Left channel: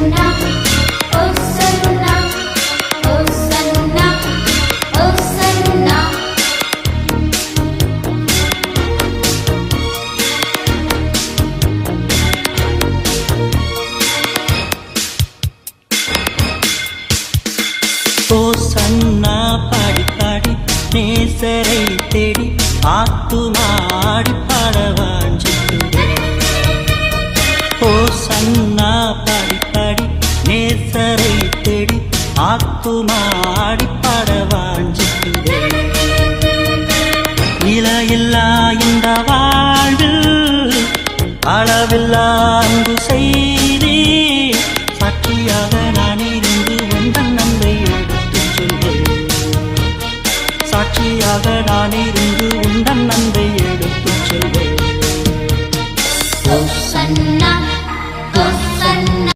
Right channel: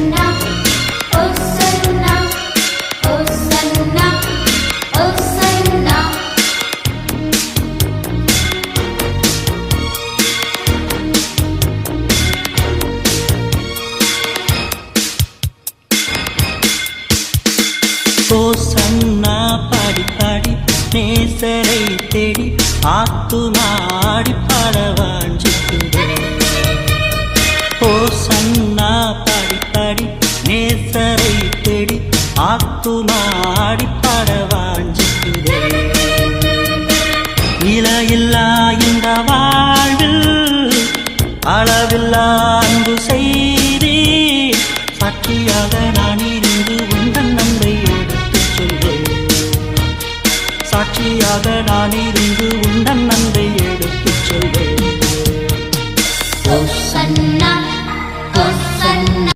Hosanna, Hosanna, Hosanna, Hosanna. ஹோசன்னா பாடி பாடி நேசரை தேடி ஆத்துமாடி பாடவாஞ்சிக்குதே. ஹோசன்னா பாடி பாடி நேசரை தேடி ஆத்துமாடி பாடவாஞ்சிக்குதே. இலையில்லா இந்த வாழ்வில் அளவில்லா அன்பு செய்தே. சாட்சியாக நான் இருந்து உந்தன் அன்பை எடுத்துச் சொல்வேன். சாட்சியாக நான் இருந்து உந்தன் அன்பை எடுத்துச் சொல்வேன். Hosanna, Hosanna.